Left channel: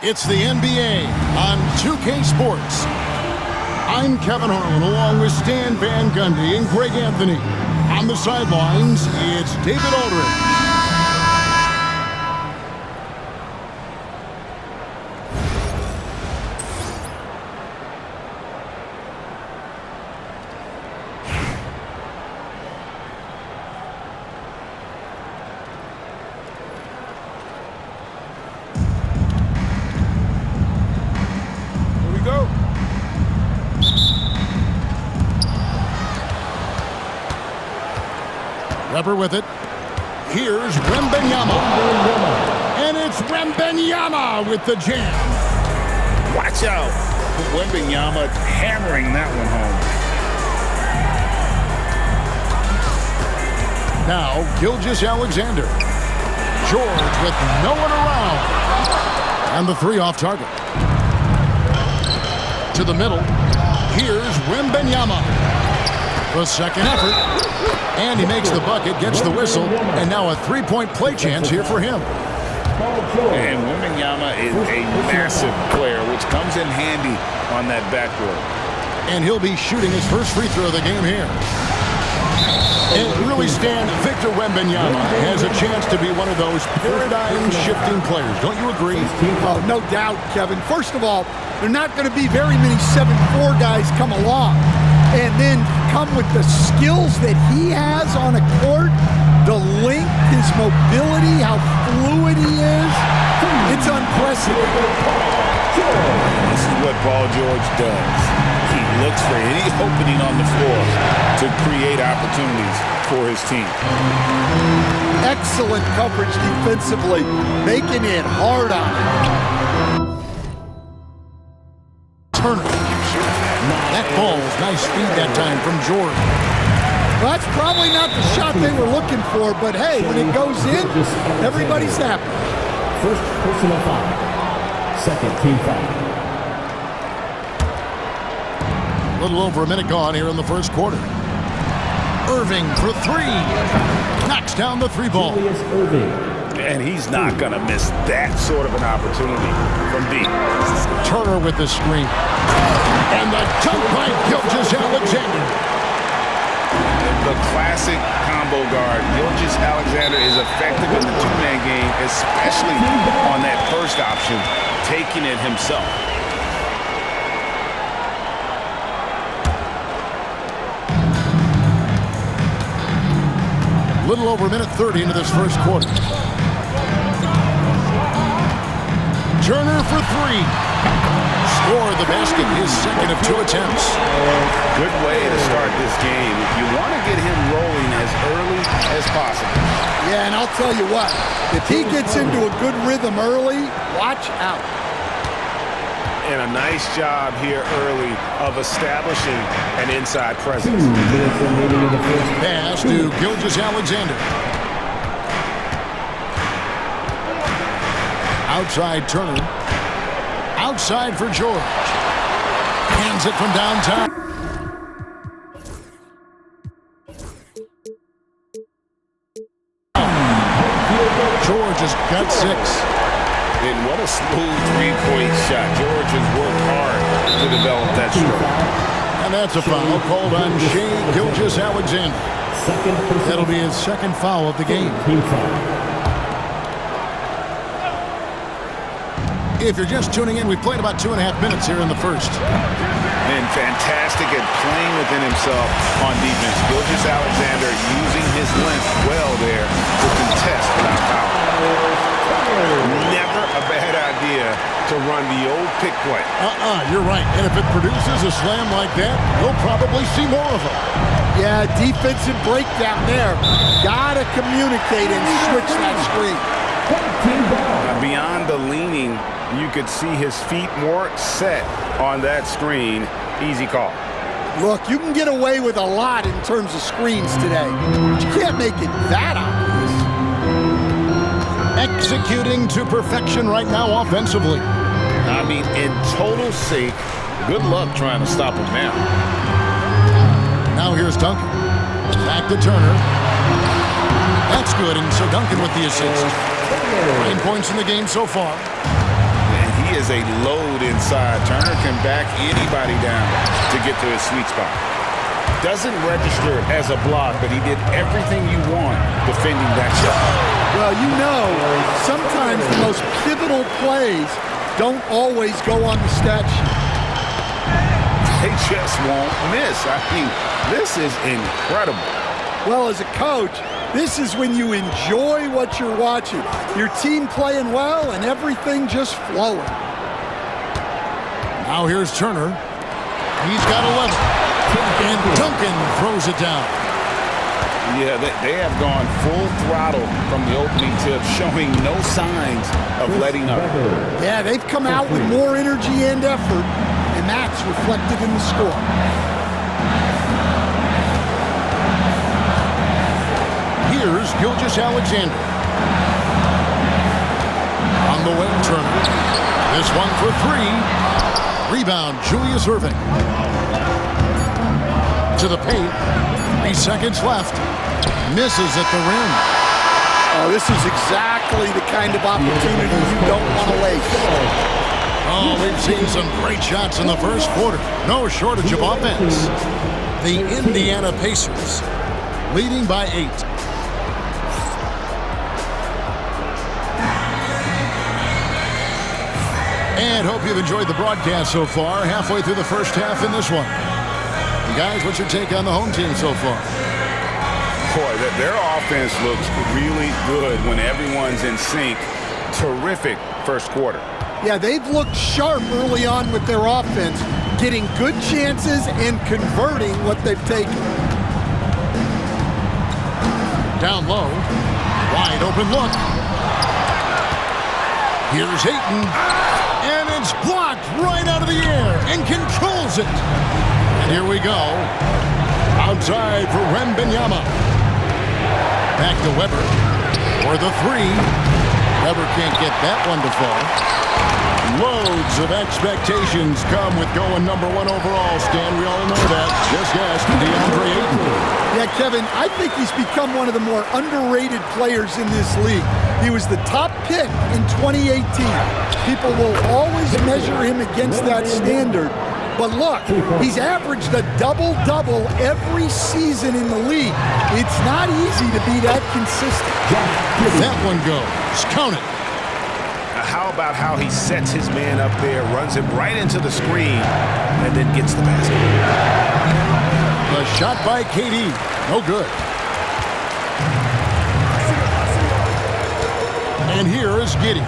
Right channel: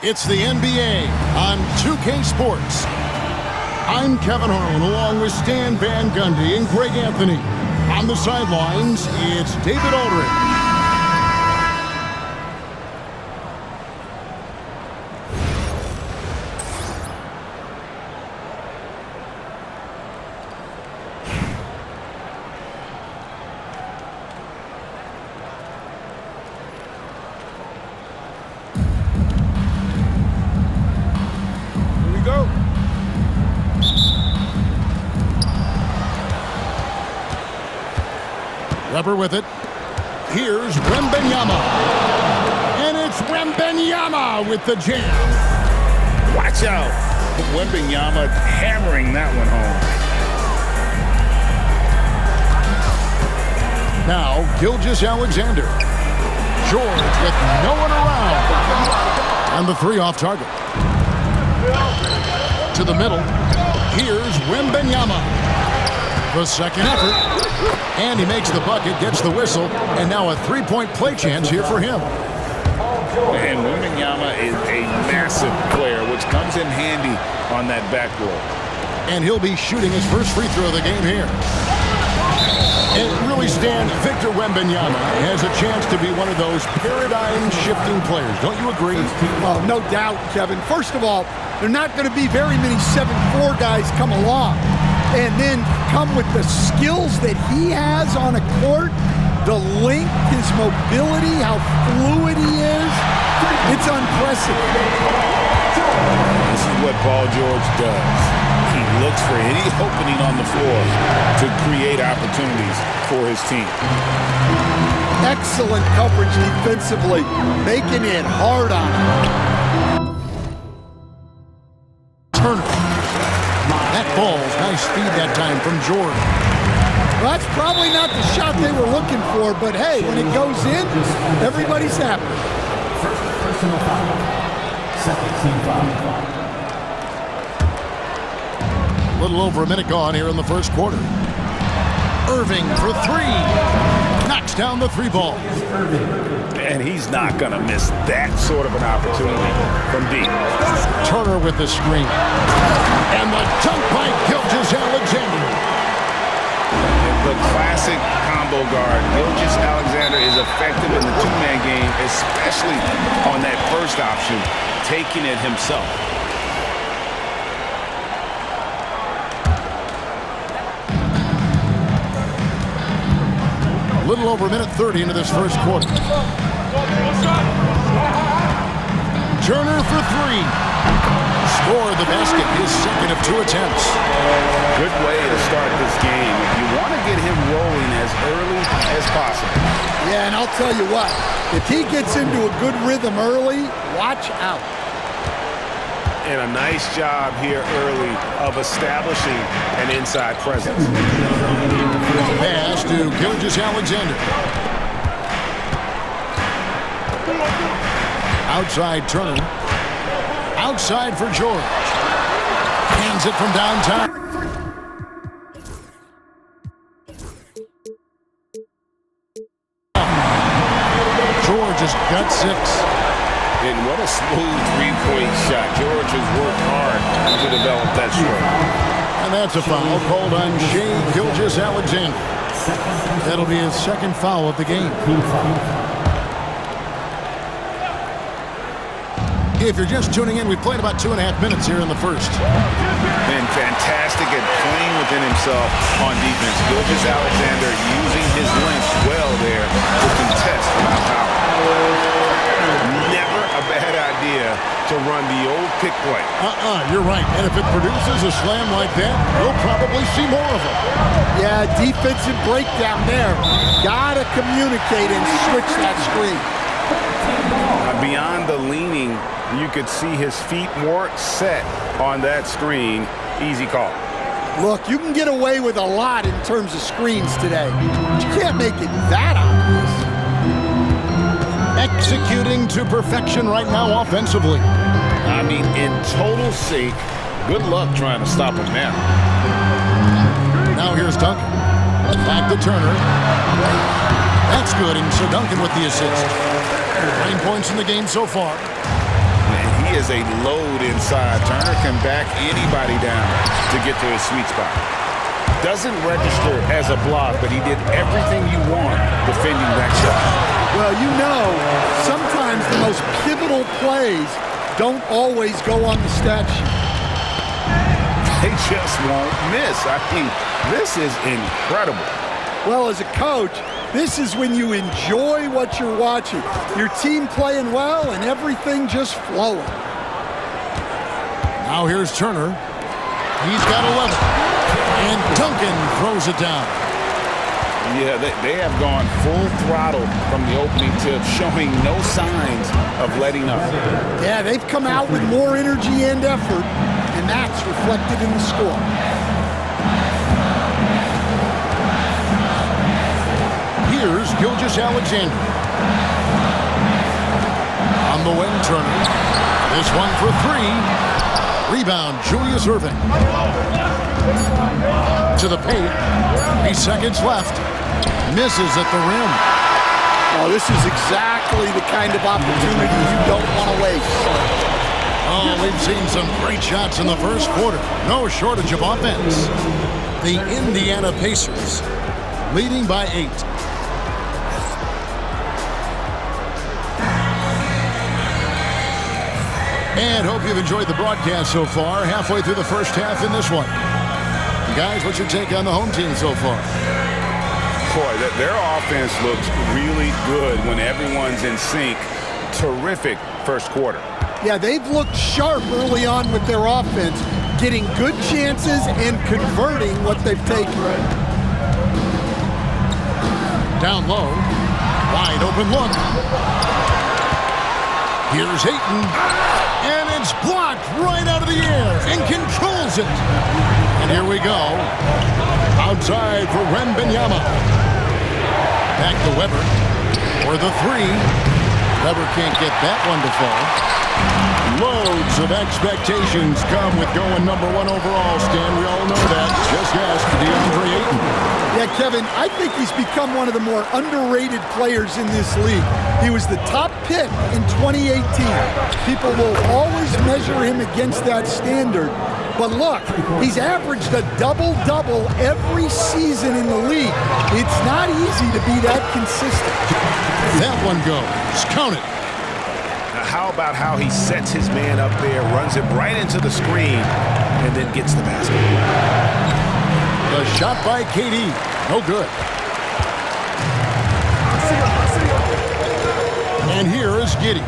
It's the NBA on 2K Sports. I'm Kevin Harlan along with Stan Van Gundy and Greg Anthony. On the sidelines, it's David Aldridge. Weber with it. Here's Wemby. And it's Wemby with the jam. Watch out. Wemby hammering that one home. Now, Gilgeous-Alexander. George with no one around. And the three off target. To the middle. Here's Wemby. The second effort. And he makes the bucket, gets the whistle, and now a three-point play chance here for him. And Wemby is a massive player, which comes in handy on that backboard. And he'll be shooting his first free throw of the game here. And really, Stan, Victor Wembanyama has a chance to be one of those paradigm-shifting players. Don't you agree? Oh, no doubt, Kevin. First of all, there are not going to be very many 7'4" guys come along and then come with the skills that he has on a court, the length, his mobility, how fluid he is. It's unprecedented. This is what Paul George does. He looks for any opening on the floor to create opportunities for his team. Excellent coverage defensively, making it hard on him. Turner. That ball's nice feed that time from George. Well, that's probably not the shot they were looking for, but hey, when it goes in, everybody's happy. First personal foul. Second team foul. A little over a minute gone here in the first quarter. Irving for three. Knocks down the three ball. And he's not going to miss that sort of an opportunity from deep. Turner with the screen. And the dunk by Gilgeous-Alexander. The classic combo guard. Gilgeous-Alexander is effective in the two-man game, especially on that first option, taking it himself. A little over a minute 30 into this first quarter. Turner for three. Scored the basket, his second of two attempts. Good way to start this game. You want to get him rolling as early as possible. Yeah, and I'll tell you what, if he gets into a good rhythm early, watch out. And a nice job here early of establishing an inside presence. Pass to Gilgeous-Alexander. Outside Turner. Outside for George. Hands it from downtown. George has got six. And what a smooth three-point shot. George has worked hard to develop that stroke. And that's a foul called on Shai Gilgeous-Alexander. That'll be his second foul of the game. If you're just tuning in, we've played about 2.5 minutes here in the first. Been fantastic at playing within himself on defense. Gilgeous-Alexander using his length well there to contest without power. Never a bad idea to run the old pick play. You're right. And if it produces a slam like that, we'll probably see more of them. Yeah, defensive breakdown there. Gotta communicate and switch that screen. Beyond the leaning, you could see his feet more set on that screen. Easy call. Look, you can get away with a lot in terms of screens today. But you can't make it that obvious. Executing to perfection right now offensively. I mean, in total sync. Good luck trying to stop him now. Now here's Duncan. Back to Turner. That's good, and so Duncan with the assist. 9 points in the game so far. And he is a load inside. Turner can back anybody down to get to his sweet spot. Doesn't register as a block, but he did everything you want defending that shot. Well, you know, sometimes the most pivotal plays don't always go on the stat sheet. They just won't miss. I mean, this is incredible. Well, as a coach, this is when you enjoy what you're watching. Your team playing well and everything just flowing. Now here's Turner. He's got 11. And Duncan throws it down. Yeah, they have gone full throttle from the opening tip, showing no signs of letting up. Yeah, they've come out with more energy and effort, and that's reflected in the score. Here's Gilgeous-Alexander. On the wing, Turner. This one for three. Rebound, Julius Erving. To the paint. 3 seconds left. Misses at the rim. Oh, this is exactly the kind of opportunity you don't want to waste. Oh, we've seen some great shots in the first quarter. No shortage of offense. The Indiana Pacers leading by 8. And hope you've enjoyed the broadcast so far. Halfway through the first half in this one. And guys, what's your take on the home team so far? Boy, their offense looks really good when everyone's in sync. Terrific first quarter. Yeah, they've looked sharp early on with their offense, getting good chances and converting what they've taken. Down low. Wide open look. Here's Ayton. And it's blocked right out of the air and controls it. And here we go. Outside for Wemby. Back to Weber for the three. Weber can't get that one to fall. Loads of expectations come with going number 1 overall, Stan. We all know that. Just ask DeAndre Ayton. Yeah, Kevin, I think he's become one of the more underrated players in this league. He was the top pick in 2018. People will always measure him against that standard. But look, he's averaged a double-double every season in the league. It's not easy to be that consistent. That one goes. Count it. Now, how about how he sets his man up there, runs him right into the screen, and then gets the basket? The shot by KD. No good. And here is Giddey.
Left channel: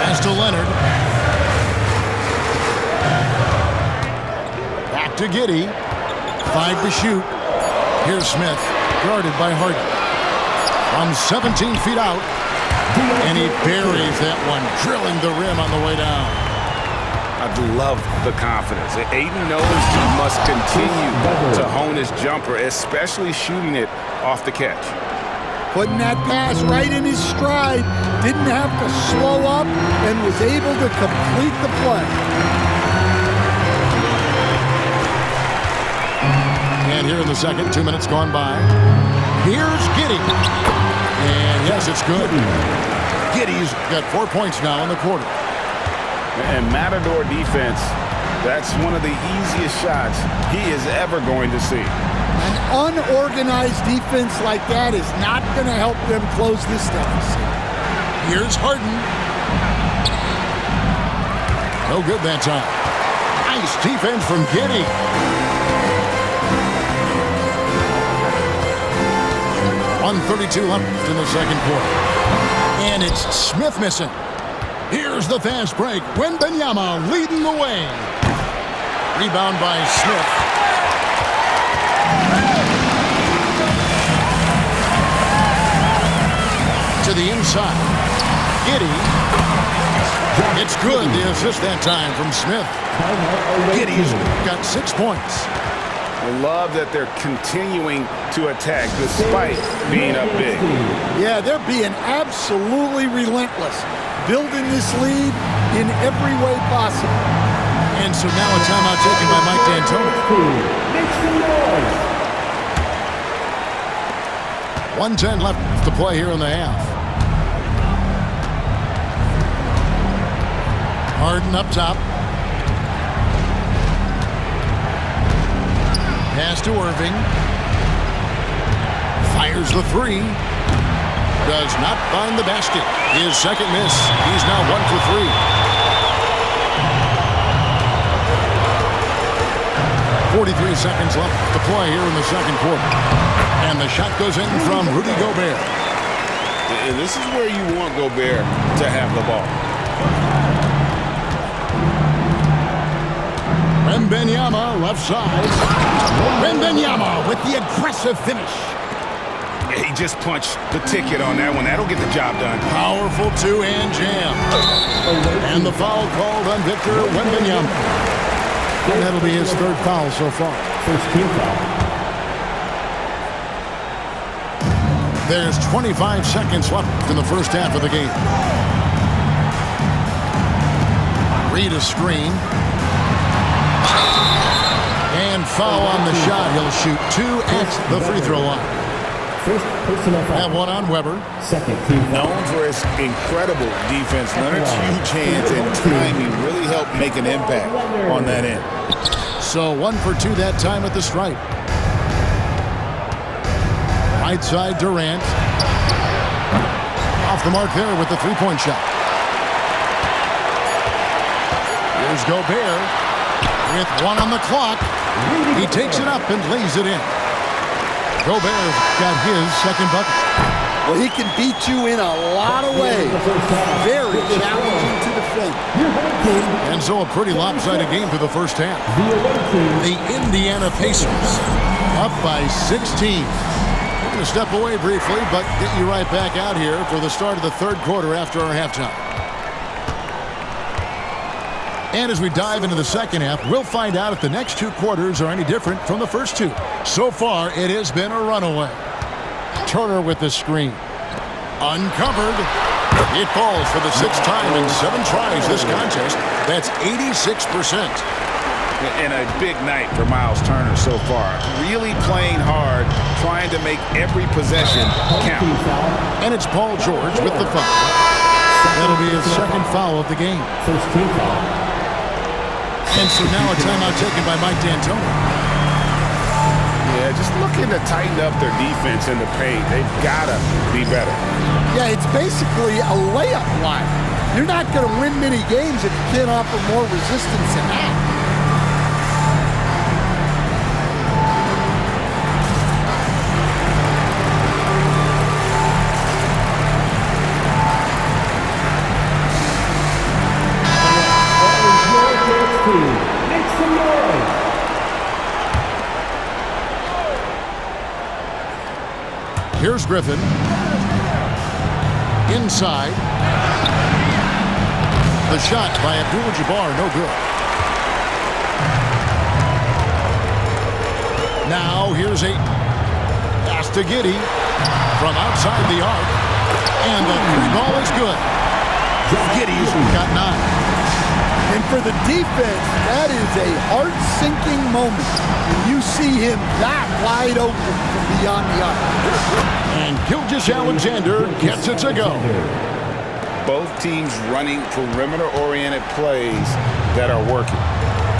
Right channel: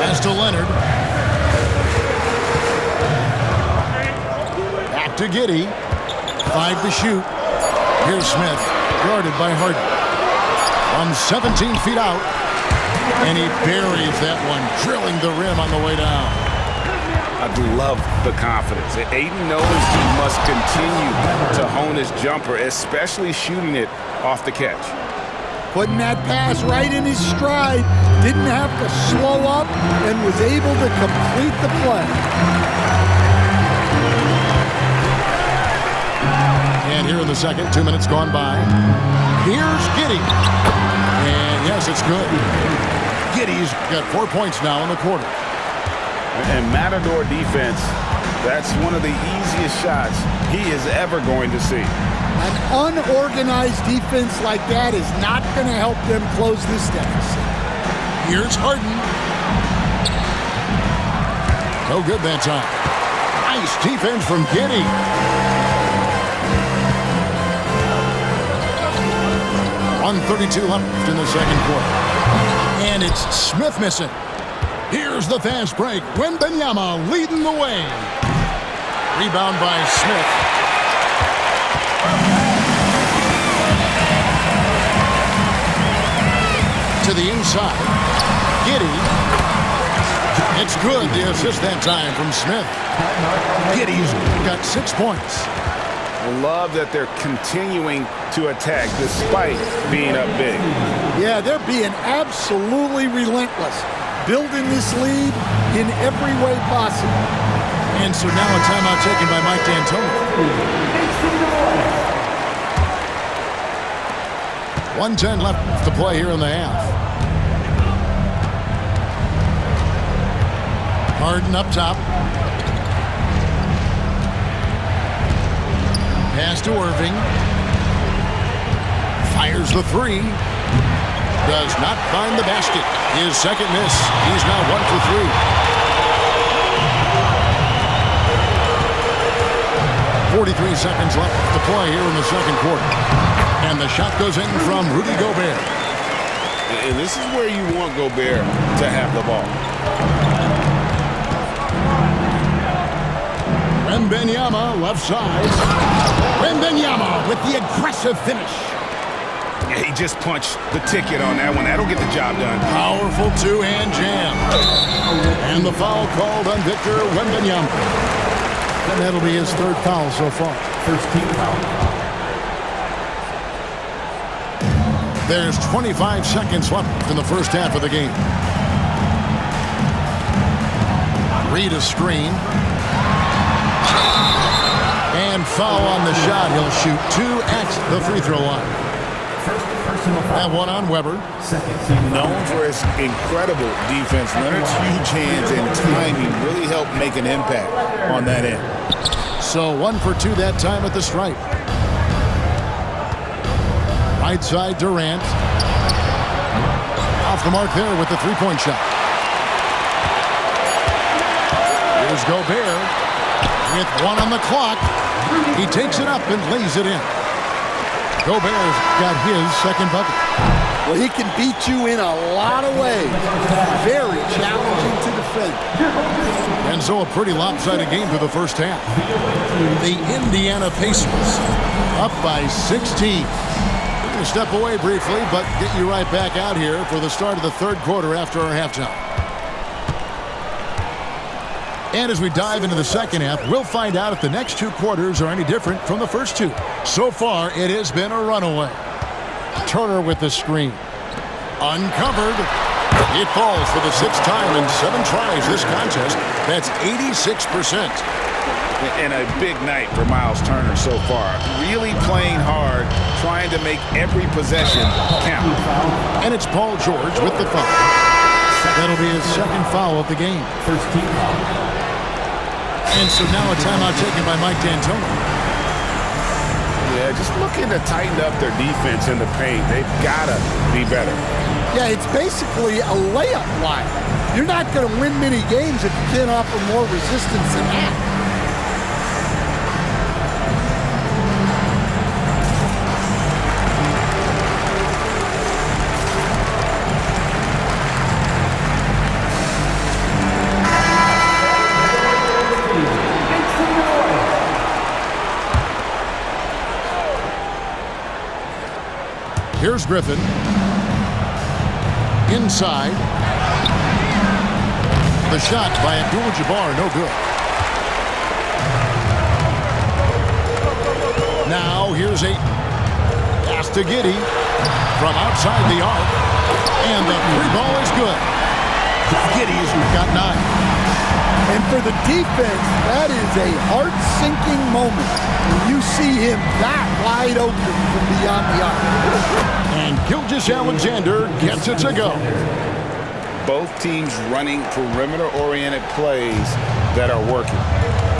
Pass to Leonard. Back to Giddey. 5 to shoot. Here's Smith, guarded by Harden. From 17 feet out. And he buries that one, drilling the rim on the way down. I love the confidence. Ayton knows he must continue to hone his jumper, especially shooting it off the catch. Putting that pass right in his stride, didn't have to slow up, and was able to complete the play. And here in the second, 2 minutes gone by. Here's Giddey. And yes, it's good. Giddey's got 4 points now in the quarter. And Matador defense, that's one of the easiest shots he is ever going to see. An unorganized defense like that is not going to help them close this deficit. Here's Harden. No good that time. Nice defense from Giddey. .132 left in the second quarter. And it's Smith missing. Here's the fast break. Wemby leading the way. Rebound by Smith. to the inside. Giddey. It's good. The assist that time from Smith. Giddey's got 6 points. I love that they're continuing to attack despite being up big. Yeah, they're being absolutely relentless, building this lead in every way possible. And so now a timeout taken by Mike D'Antoni. Make some noise. 1:10 left to play here in the half. Harden up top. Pass to Irving. Fires the three. Does not find the basket. His second miss. He's now 1 for 3. .43 seconds left to play here in the second quarter. And the shot goes in from Rudy Gobert. And this is where you want Gobert to have the ball. Wembenyama left side. Wembenyama with the aggressive finish. Yeah, he just punched the ticket on that one. That'll get the job done. Powerful two-hand jam. And the foul called on Victor Wembanyama. And that'll be his third foul so far. First team foul. There's 25 seconds left in the first half of the game. Read a screen. And foul on the shot. He'll shoot 2 at the free throw line. First personal foul. That one on Weber. Second team foul. Known for his incredible defense, Leonard's huge hands and timing really helped make an impact on that end. So 1 for 2 that time at the stripe. Right side Durant. Off the mark there with the three-point shot. Here's Gobert with 1 on the clock. He takes it up and lays it in. Gobert's got his second bucket. Well, he can beat you in a lot of ways. Very challenging to defend. And so a pretty lopsided game for the first half. The Indiana Pacers up by 16. We're going to step away briefly, but get you right back out here for the start of the third quarter after our halftime. And as we dive into the second half, we'll find out if the next 2 quarters are any different from the first 2. So far, it has been a runaway. Turner with the screen. Uncovered. It falls for the 6th time in 7 tries this contest. That's 86%. And a big night for Miles Turner so far. Really playing hard, trying to make every possession count. And it's Paul George with the foul. That'll be his second foul of the game. First team foul. And so now a timeout taken by Mike D'Antoni. Yeah, just looking to tighten up their defense in the paint. They've got to be better. Yeah, it's basically a layup line. You're not going to win many games if you can't offer more resistance than that. Make some noise. Here's Griffin. Inside. The shot by Abdul-Jabbar, no good. Now here's a pass to Giddey from outside the arc. And the 3 ball is good. Giddey's got 9. And for the defense, that is a heart-sinking moment when you see him that wide open from beyond the arc. And Gilgeous-Alexander gets it to go. Both teams running perimeter-oriented plays that are working.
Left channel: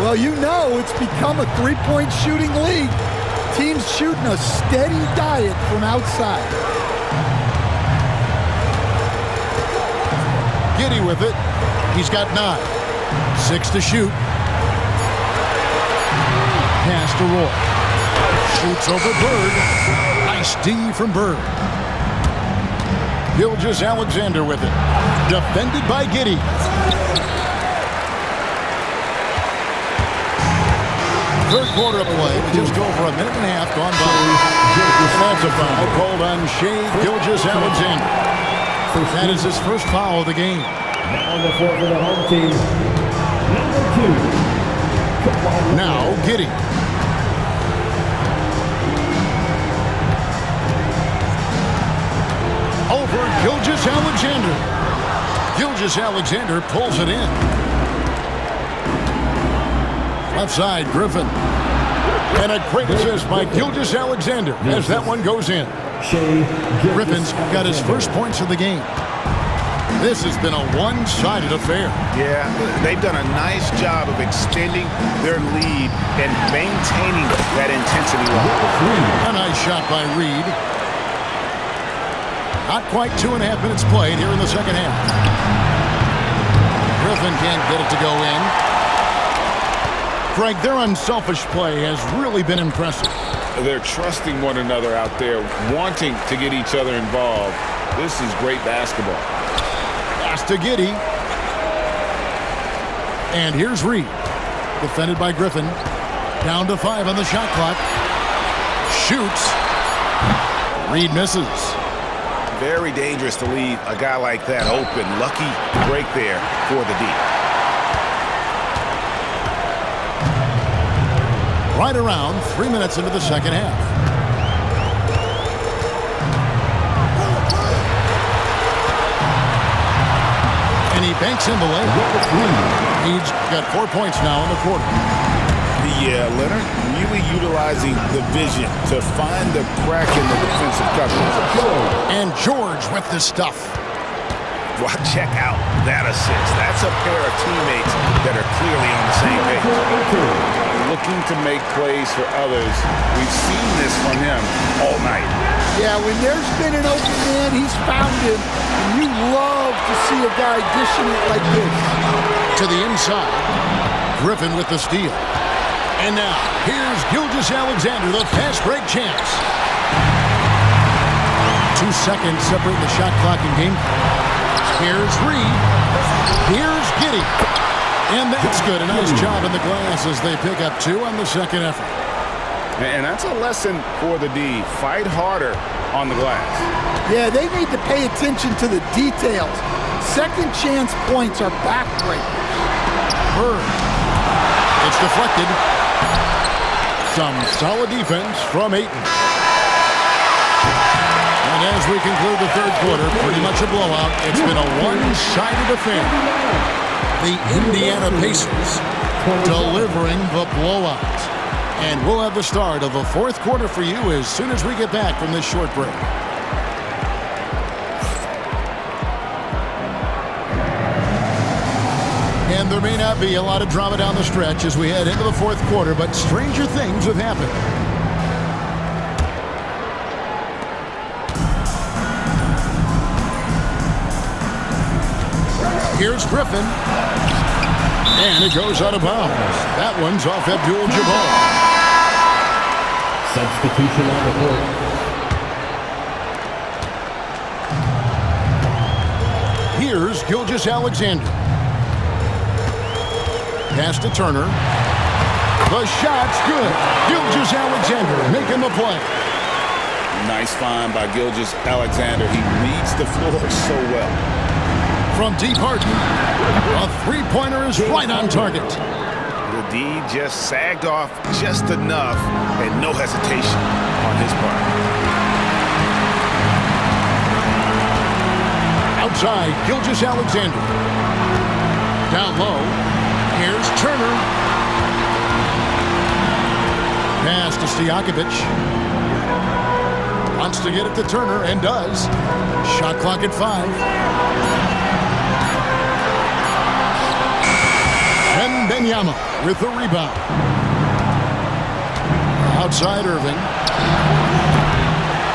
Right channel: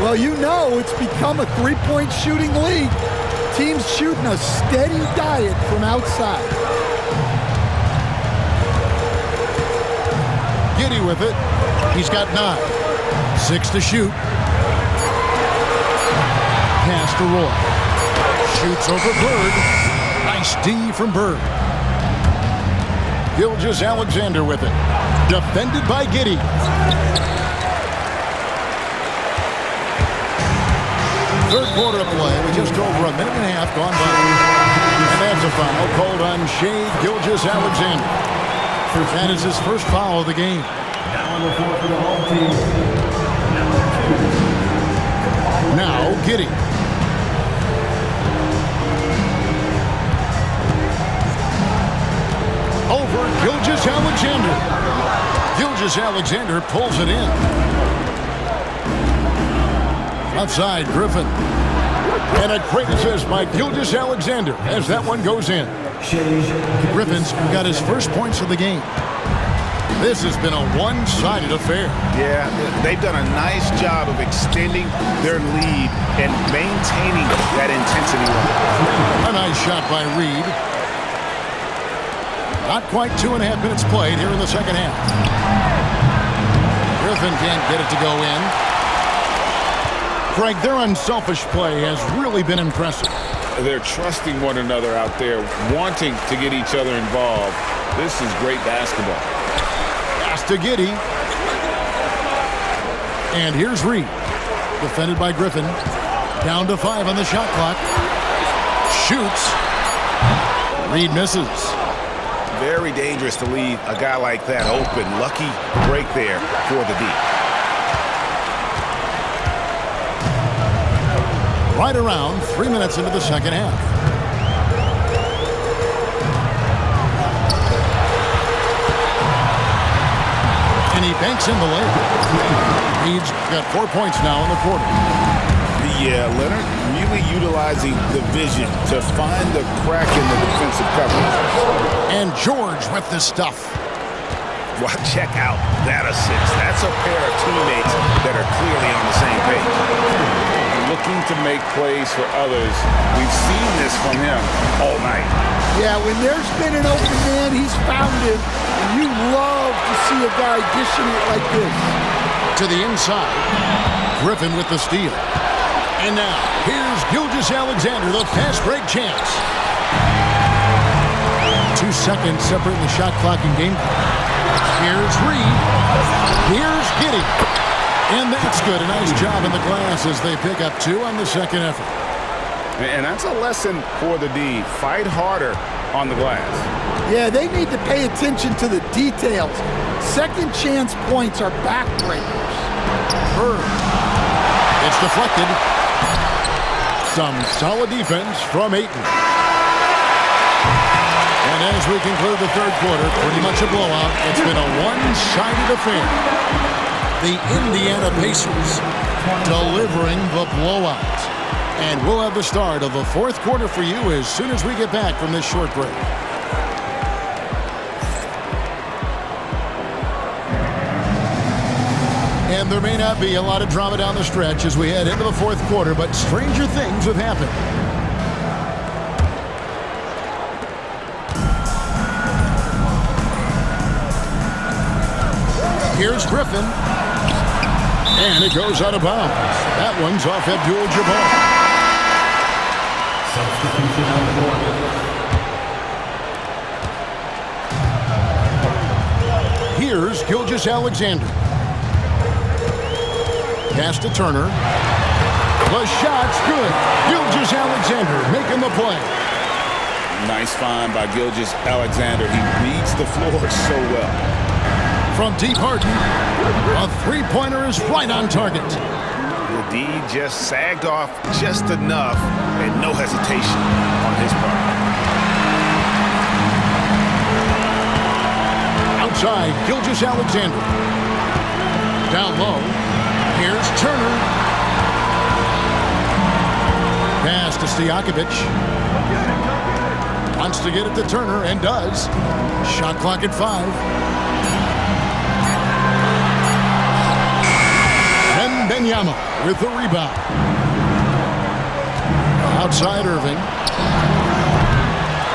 Well, you know it's become a three-point shooting league. Teams shooting a steady diet from outside. Giddey with it. He's got 9. 6 to shoot. Pass to Roy. Shoots over Bird. Nice D from Bird. Gilgeous-Alexander with it. Defended by Giddey. Third quarter of play with just over a minute and a half gone by. And that's a foul called on Shai Gilgeous-Alexander. That is his first foul of the game. Now on the floor for the home team, number 2. Now Giddey. Over Gilgeous-Alexander. Gilgeous-Alexander pulls it in. Left side, Griffin. And a great assist by Gilgeous-Alexander as that one goes in. Griffin's got his first points of the game. This has been a one-sided affair. Yeah, they've done a nice job of extending their lead and maintaining that intensity level. A nice shot by Reed. Not quite 2.5 minutes played here in the second half. Griffin can't get it to go in. Greg, their unselfish play has really been impressive. They're trusting one another out there, wanting to get each other involved. This is great basketball. Pass to Giddey. And here's Reed. Defended by Griffin. Down to 5 on the shot clock. Shoots. Reed misses. Very dangerous to leave a guy like that open. Lucky break there for the D. Right around 3 minutes into the second half. And he banks in the layup. Reed's got 4 points now in the quarter. Yeah, Leonard really utilizing the vision to find the crack in the defensive coverage. And George with the stuff. Well, check out that assist. That's a pair of teammates that are clearly on the same page. Looking to make plays for others. We've seen this from him all night. Yeah, when there's been an open man, he's found him. And you love to see a guy dishing it like this. To the inside. Griffin with the steal. And now, here's Gilgeous-Alexander, the fast break chance. 2 seconds separating the shot clock and game clock. Here's Reed. Here's Giddey. And that's good. A nice job in the glass as they pick up 2 on the second effort. And that's a lesson for the D. Fight harder on the glass. Yeah, they need to pay attention to the details. Second chance points are backbreakers. Bird. It's deflected. Some solid defense from Ayton. And as we conclude the third quarter, pretty much a blowout. It's been a one-sided affair. The Indiana Pacers delivering the blowout. And we'll have the start of the fourth quarter for you as soon as we get back from this short break. And there may not be a lot of drama down the stretch as we head into the fourth quarter, but stranger things have happened. Here's Griffin. And it goes out of bounds. That one's off Abdul-Jabbar. Substitution on the court. Here's Gilgeous-Alexander. Pass to Turner. The shot's good. Gilgeous-Alexander making the play. Nice find by Gilgeous-Alexander. He reads the floor so well. From deep Harden, a three-pointer is right on target. The D just sagged off just enough and no hesitation on his part. Outside, Gilgeous-Alexander. Down low, here's Turner. Pass to Stojakovic. Wants to get it to Turner and does. Shot clock at 5. Wemby with the rebound. Outside Irving.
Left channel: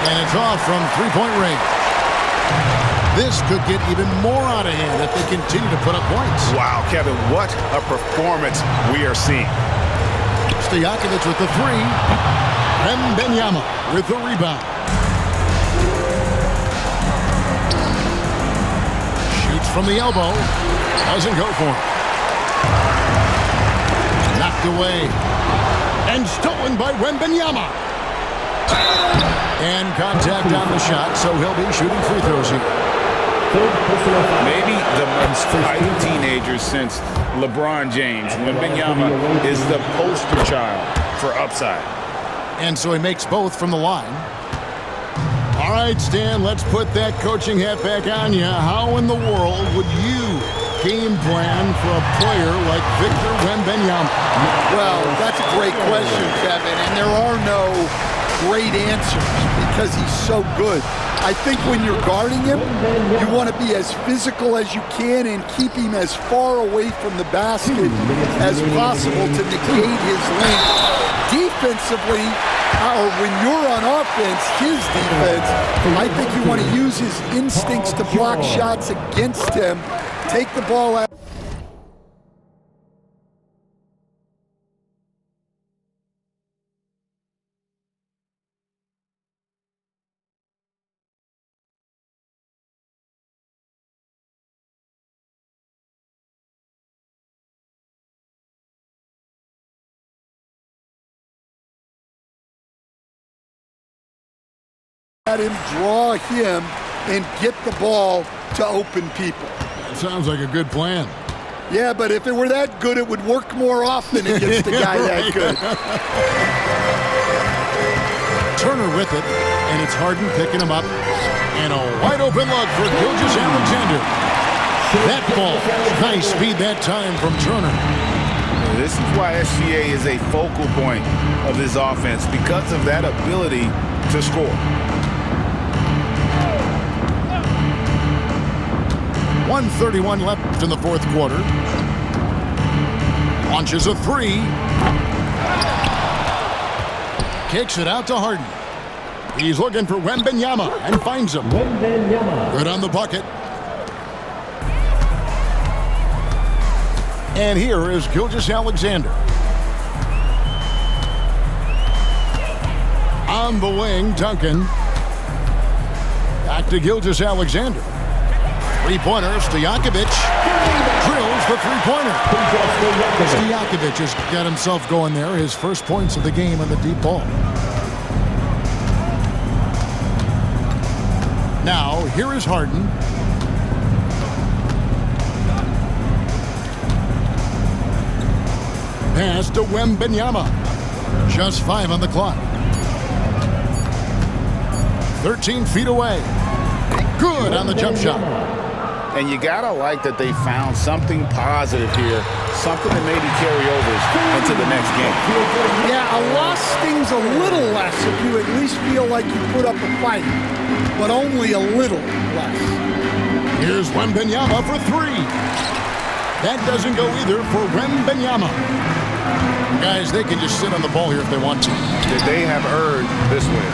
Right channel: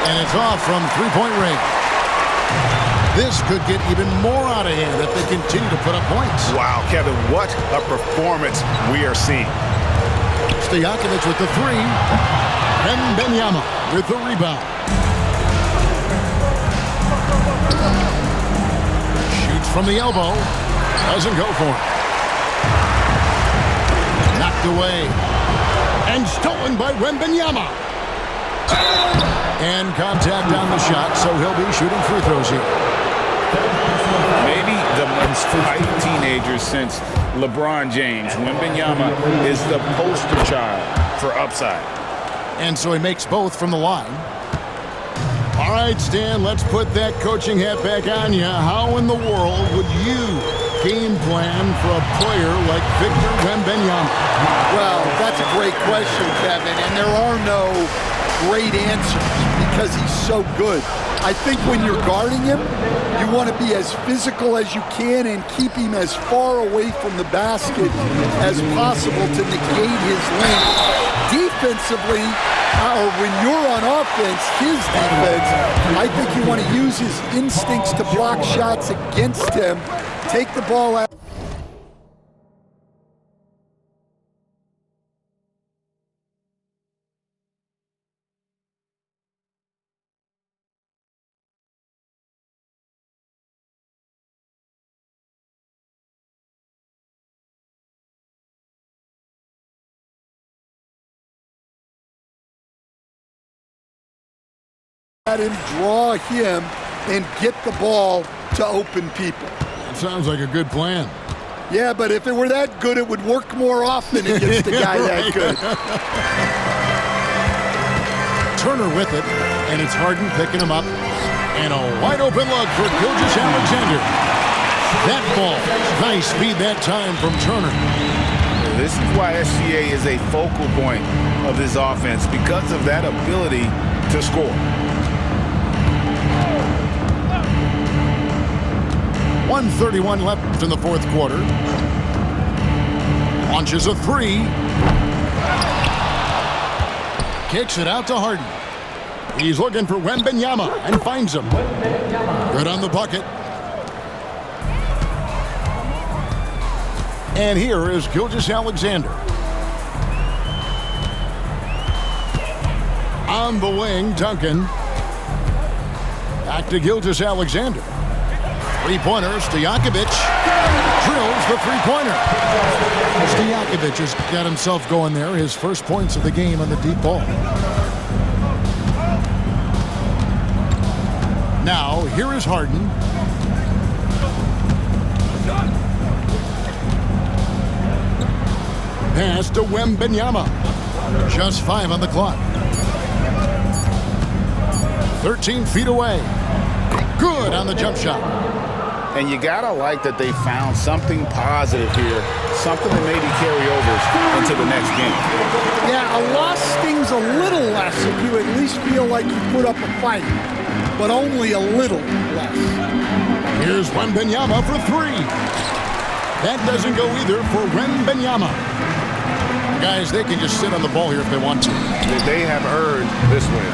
And it's off from three-point range. This could get even more out of hand if they continue to put up points. Wow, Kevin, what a performance we are seeing. Stojakovic with the 3. Wemby with the rebound. Shoots from the elbow. Doesn't go for it. Knocked away. And stolen by Wemby. And contact on the shot, so he'll be shooting free throws here. Third personal foul. Maybe the most hyped teenager since LeBron James. Wemby is the poster child for upside. And so he makes both from the line. All right, Stan, let's put that coaching hat back on you. How in the world would you game plan for a player like Victor Wembanyama? Well, that's a great question, Kevin, and there are no great answers because he's so good. I think when you're guarding him, you want to be as physical as you can and keep him as far away from the basket as possible to negate his length. Defensively, or when you're on offense, his defense, I think you want to use his instincts to block shots against him, take the ball out. At him, draw him, and get the ball to open people. That sounds like a good plan. Yeah, but if it were that good, it would work more often against a guy that good. Turner with it, and it's Harden picking him up. And a wide open look for Gilgeous-Alexander. That ball, nice speed that time from Turner. This is why SGA is a focal point of this offense, because of that ability to score. 1:31 left in the fourth quarter. Launches a three. Kicks it out to Harden. He's looking for Wembanyama and finds him. Good on the bucket. And here is Gilgeous-Alexander. On the wing, Duncan. Back to Gilgeous-Alexander. Three-pointer, Stojakovic drills the three-pointer. Stojakovic has got himself going there. His first points of the game on the deep ball. Now, here is Harden. Pass to Wembanyama. Just 5 on the clock. 13 feet away. Good on the jump shot. And you gotta like that they found something positive here, something that maybe carry overs into the next game. Yeah, a loss stings a little less if you at least feel like you put up a fight, but only a little less. Here's Wembanyama for three. That doesn't go either for Wembanyama. Guys, they can just sit on the ball here if they want to. They have earned this win.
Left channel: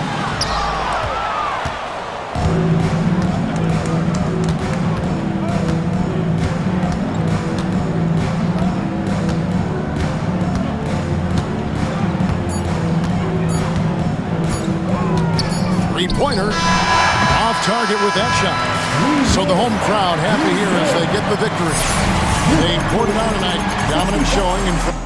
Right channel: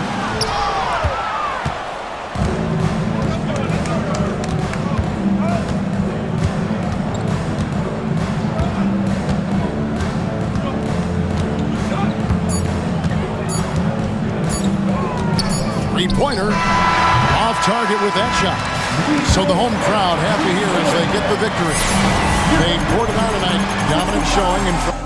Three-pointer, off target with that shot. So the home crowd happy here as they get the victory. They poured it on tonight, dominant showing in front.